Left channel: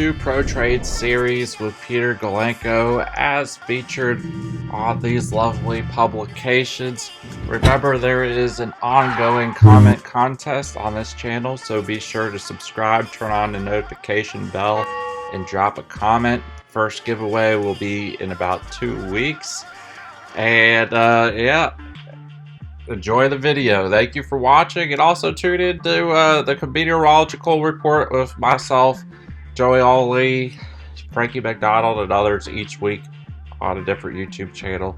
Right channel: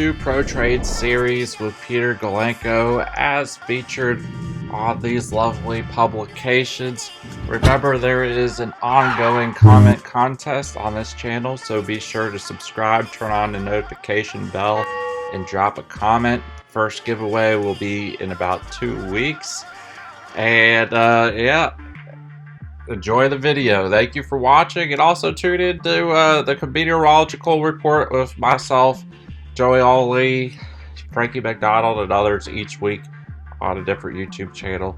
to Pro Trade series with Peter Galenko as featured on these lovely publications. Remember, there is an ongoing comment contest on this channel, so be sure to subscribe, turn on the notification bell, and drop a comment. First giveaway will be in about 2 weeks. And yeah, enjoy the video. Thank you for watching, and also tune in to the Meteorological Report with myself, Joey Ali, Frankie McDonald, and others each week on a different YouTube channel.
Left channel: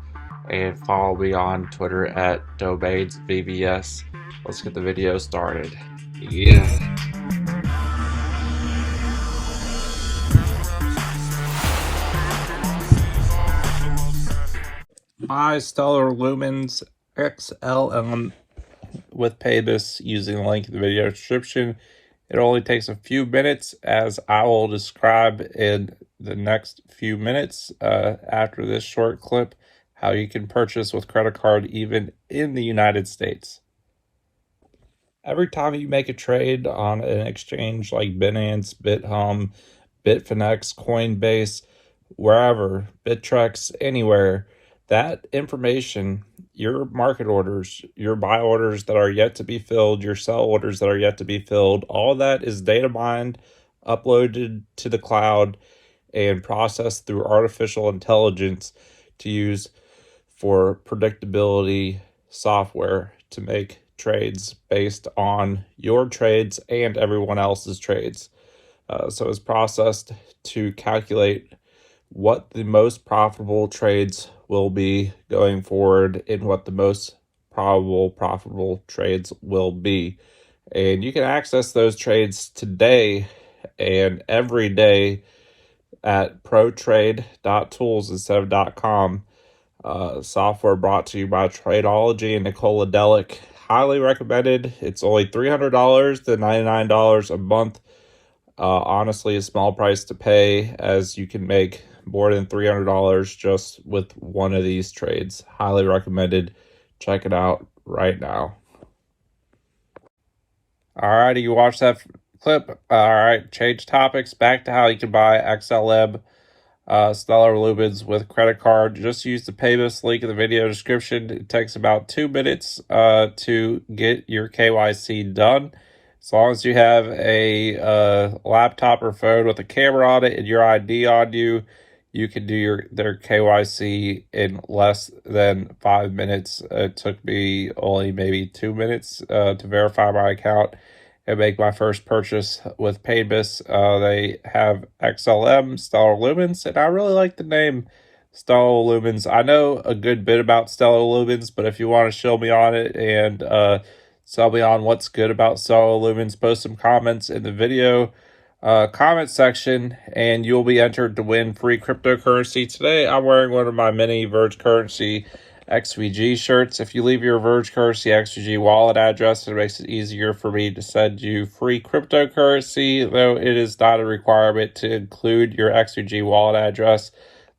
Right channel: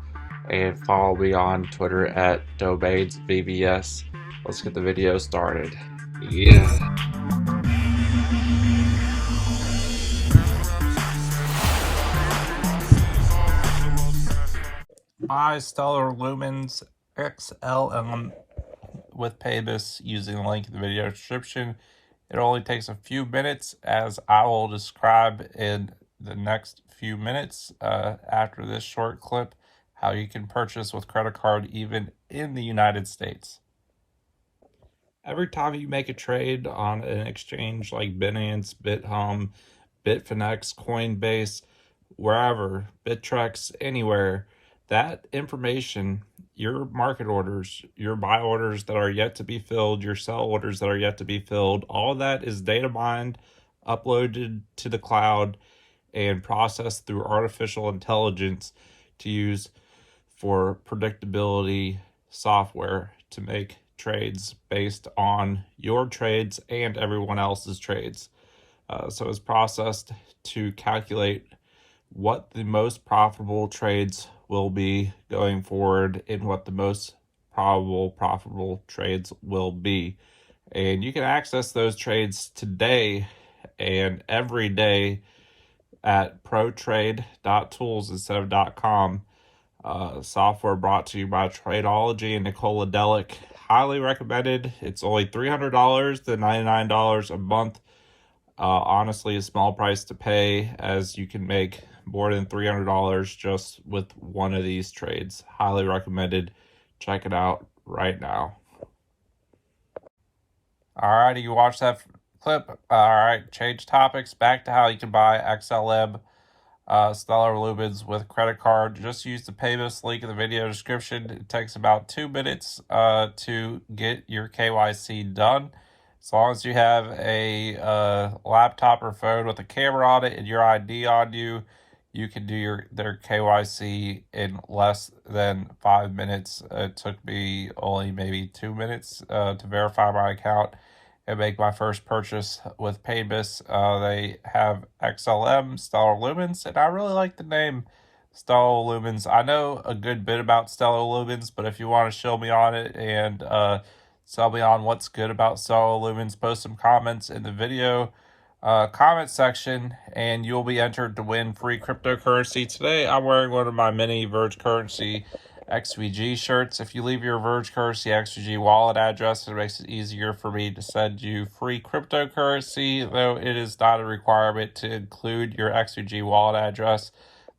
And follow me on Twitter at DomainsVBS. Let's get the video started. Yeah. My Stellar Lumens XLM with Paybis using the link in the video description. It only takes a few minutes, as I will describe in the next few minutes after this short clip how you can purchase with credit card even in the United States. Every time you make a trade on an exchange like Binance, BitHome, Bitfinex, Coinbase, wherever, Bittrex, anywhere, that information, your market orders, your buy orders that are yet to be filled, your sell orders that are yet to be filled, all that is data mined, uploaded to the cloud, and processed through artificial intelligence to use for predictability software to make trades based on your trades and everyone else's trades. So it's processed to calculate what the most profitable trades will be going forward and what the most probable profitable trades will be. And you can access those trades today and every day at ProTrade.Tools instead of .com. Software brought to you by Tradeology and Nicola Delic. Highly recommended. It's only $300 to $99 a month. Honestly, a small price to pay, as you can make more than $300 just with one of these trades. Highly recommended. Check it out right now. Alrighty, you watched that clip. Alright, change topics. Back to how you can buy XLM Stellar Lumens with credit card. Just use the Paybis link in the video description. It takes about 2 minutes to get your KYC done. As long as you have a laptop or phone with a camera on it and your ID on you, you can do their KYC in less than 5 minutes. It took me only maybe 2 minutes to verify my account and make my first purchase with Paybis. They have XLM, Stellar Lumens, and I really like the name Stellar Lumens. I know a good bit about Stellar Lumens, but if you want to show me on it and sell me on what's good about Stellar Lumens, post some comments in the video comment section, and you'll be entered to win free cryptocurrency. Today, I'm wearing one of my mini Verge Currency XVG shirts. If you leave your Verge Currency XVG wallet address, it makes it easier for me to send you free cryptocurrency, though it is not a requirement to include your XVG wallet address.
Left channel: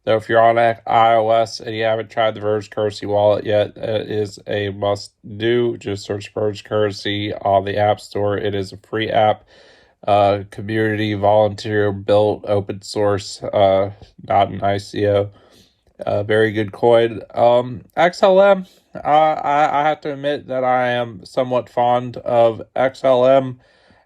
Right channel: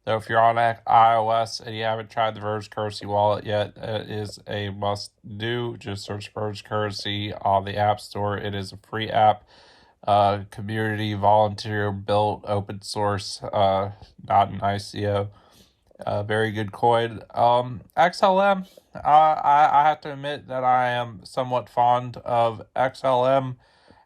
Though if you're on iOS and you haven't tried the Verge Currency wallet yet, it is a must-do. Just search Verge Currency on the App Store. It is a free app. Community, volunteer built, open source, not an ICO. Very good coin. XLM, I have to admit that I am somewhat fond of XLM,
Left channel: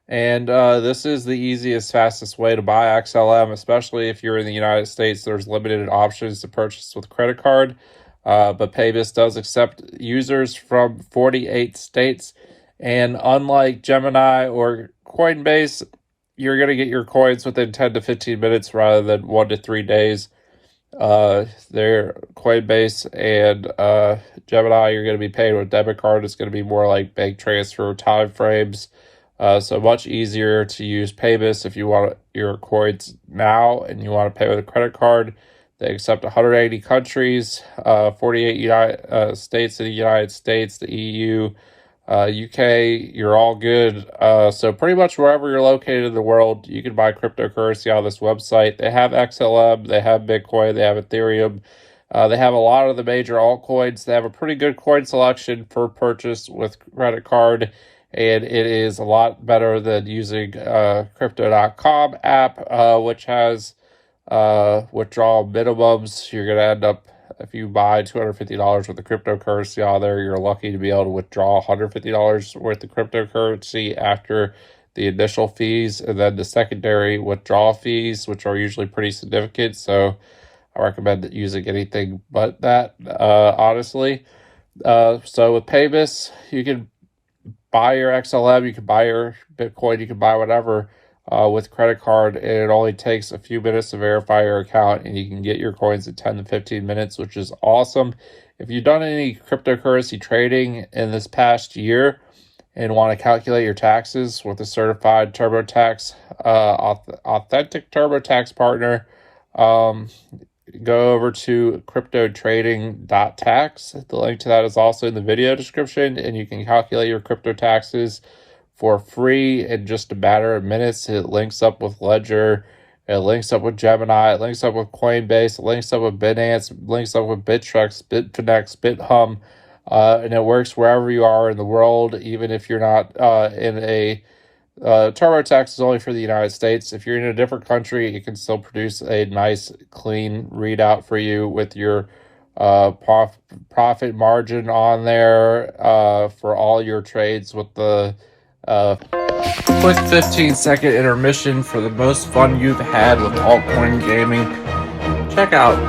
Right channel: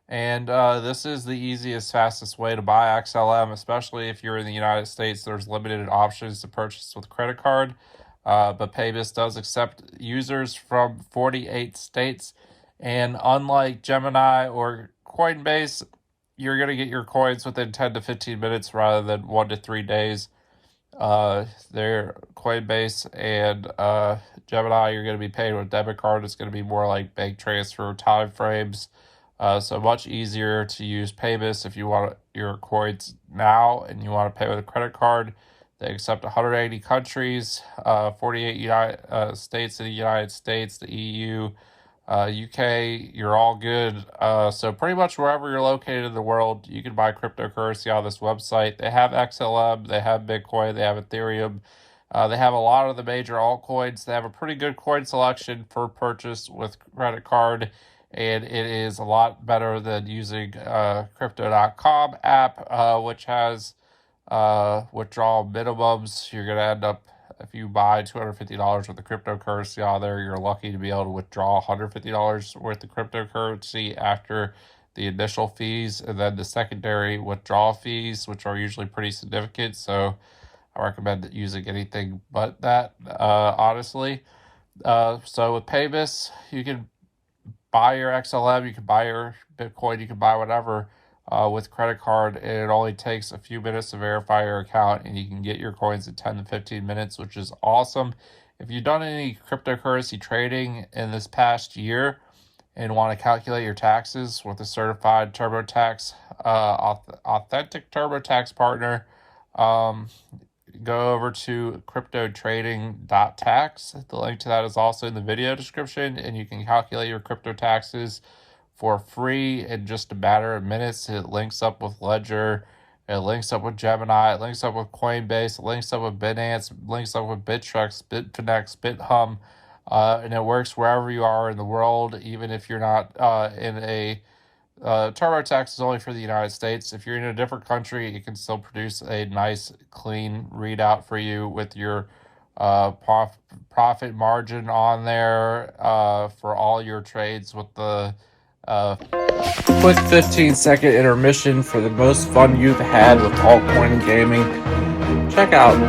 and this is the easiest, fastest way to buy XLM, especially if you're in the United States. There's limited options to purchase with credit card, but Paybis does accept users from 48 states, and unlike Gemini or Coinbase, you're going to get your coins within 10 to 15 minutes rather than 1 to 3 days. Their Coinbase and Gemini, you're going to be paid with debit card. It's going to be more like bank transfer time frames. So much easier to use Paybis if you want your coins now and you want to pay with a credit card. They accept 180 countries, 48 states in the United States, the EU, UK, you're all good. So pretty much wherever you're located in the world, you can buy cryptocurrency on this website. They have XLM, they have Bitcoin, they have Ethereum. They have a lot of the major altcoins. They have a pretty good coin selection for purchase with credit card. and it is a lot better than using Crypto.com app, which has withdrawal minimums. You're going to end up, if you buy $250 worth of cryptocurrency on there, you're lucky to be able to withdraw $150 worth of cryptocurrency after the initial fees, and then the secondary withdrawal fees, which are usually pretty significant. So I recommend using anything but that, honestly. So with Paybis, you can buy your XLM, you can buy your Bitcoin, you can buy whatever with credit card, and it only takes a few minutes to verify your account, and you can get your coins in 10 to 15 minutes, which is awesome. If you've done any cryptocurrency trading in this past year and want to calculate your taxes with a certified TurboTax, authentic TurboTax partner, go over to CryptoTrading.Tax. The link to that is also in the video description, and you can calculate your crypto taxes for free in just a matter of minutes. It links up with Ledger, it links up with Gemini, it links up with Coinbase, it links up with Binance, it links up with Bittrex, Bitfinex, BitHum, and it works wherever you are in the world, even if you're not in a TurboTax is only for the United States. If you're in a different country, it can still produce a nice, clean readout for you with your profit margin on there for all your trades with the quick 15-second intermission for the most fun you've had with altcoin gaming. Check out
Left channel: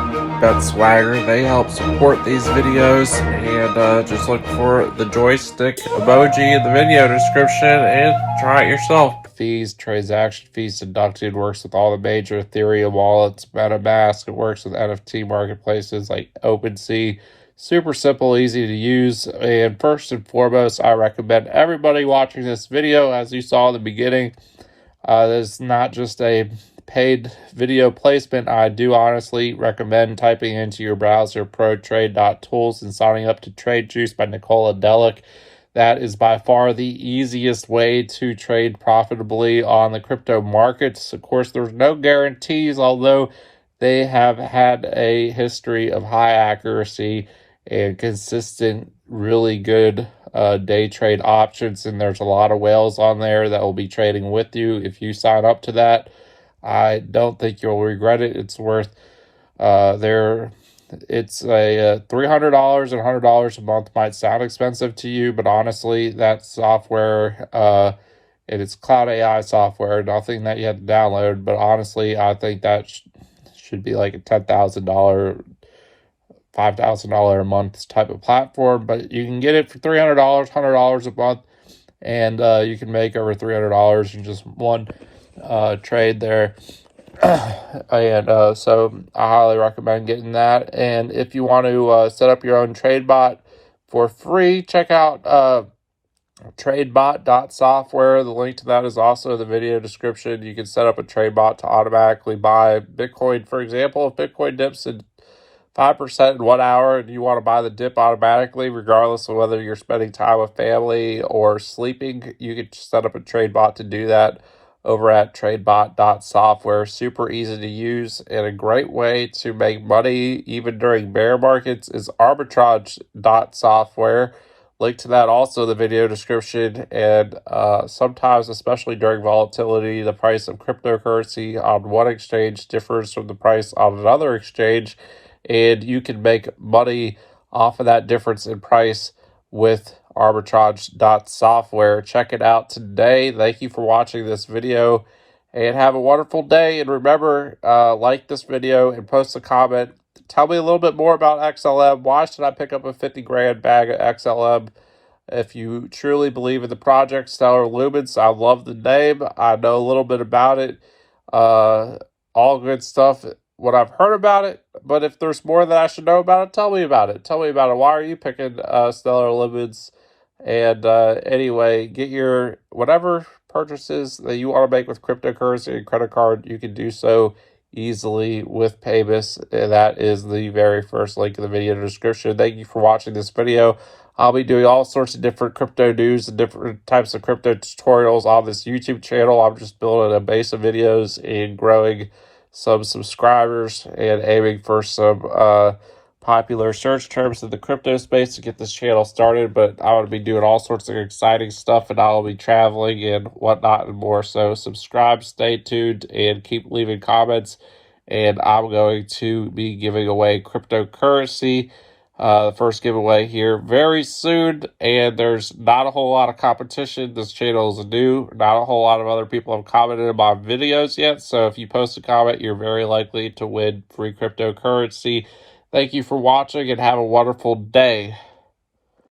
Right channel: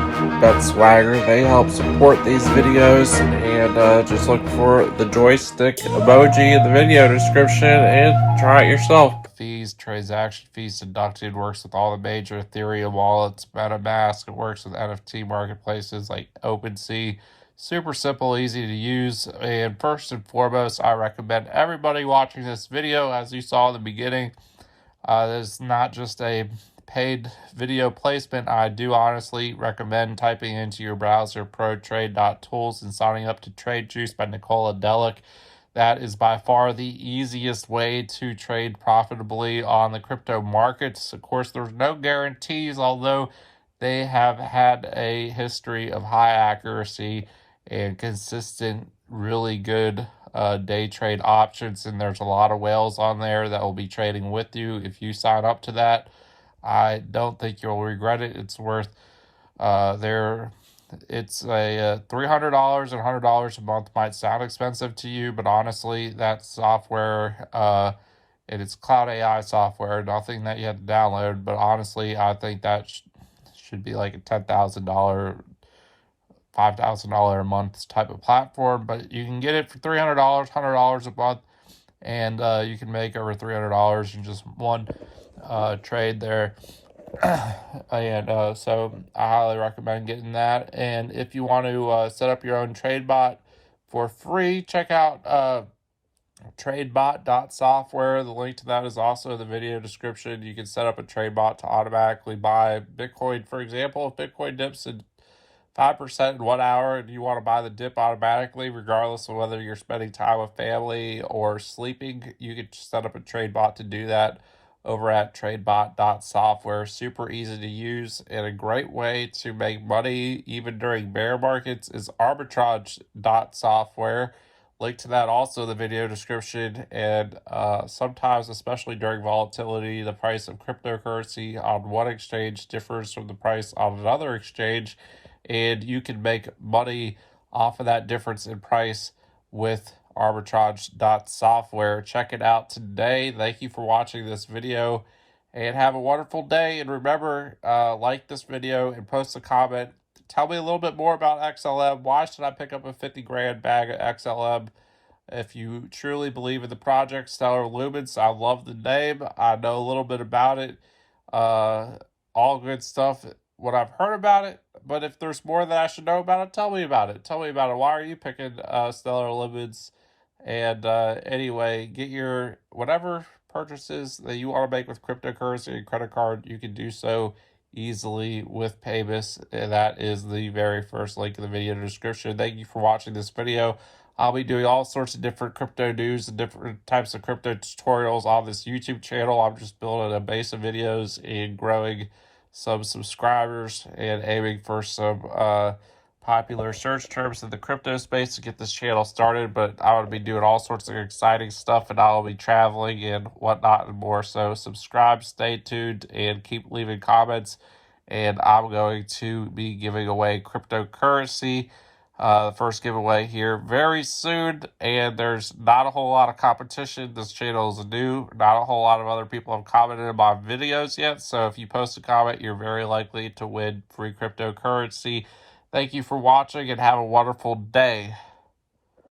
BetSwagger. They help support these videos, and just look for the joystick emoji in the video description and try it yourself. Fees, transaction fees deducted, works with all the major Ethereum wallets, MetaMask. It works with NFT marketplaces like OpenSea. Super simple, easy to use, and first and foremost, I recommend everybody watching this video, as you saw in the beginning, this is not just a paid video placement. I do honestly recommend typing into your browser ProTrade.Tools and signing up to Trade Juice by Nicola Delic. That is by far the easiest way to trade profitably on the crypto markets. Of course, there's no guarantees, although they have had a history of high accuracy and consistent, really good day trade options, and there's a lot of whales on there that will be trading with you if you sign up to that. I don't think you'll regret it. It's worth it's a $300 and $100 a month might sound expensive to you, but honestly, that software, and it's cloud AI software, nothing that you have to download, but honestly, I think that should be like a $10,000, $5,000 a month type of platform, but you can get it for $300, $100 a month, and you can make over $300 in just one trade there. And so I highly recommend getting that. And if you want to set up your own TradeBot for free, check out TradeBot.Software. The link to that is also in the video description. You can set up a TradeBot to automatically buy Bitcoin. For example, if Bitcoin dips in 5% in 1 hour and you want to buy the dip automatically, regardless of whether you're spending time with family or sleeping, you can set up a TradeBot to do that over at TradeBot.Software. Super easy to use and a great way to make money even during bear markets is Arbitrage.Software. Link to that also in the video description. And sometimes, especially during volatility, the price of cryptocurrency on one exchange differs from the price on another exchange, and you can make money off of that difference in price with Arbitrage.Software. Check it out today. Thank you for watching this video, and have a wonderful day. And remember, like this video and post a comment. Tell me a little bit more about XLM. Why should I pick up a 50 grand bag of XLM? If you truly believe in the project, Stellar Lumens, I love the name. I know a little bit about it. All good stuff, what I've heard about it. But if there's more that I should know about it, tell me about it. Tell me about it. Why are you picking Stellar Lumens? And anyway, get your whatever purchases that you want to make with cryptocurrency and credit card, you can do so easily with Paybis. And that is the very first link in the video description. Thank you for watching this video. I'll be doing all sorts of different crypto news and different types of crypto tutorials on this YouTube channel. I'm just building a base of videos and growing some subscribers and aiming for some popular search terms in the crypto space to get this channel started, but I want to be doing all sorts of exciting stuff, and I'll be traveling and whatnot and more. So subscribe, stay tuned, and keep leaving comments. And I'm going to be giving away cryptocurrency, the first giveaway here very soon, and there's not a whole lot of competition. This channel is new. Not a whole lot of other people have commented on my videos yet, so if you post a comment, you're very likely to win free cryptocurrency. Thank you for watching and have a wonderful day.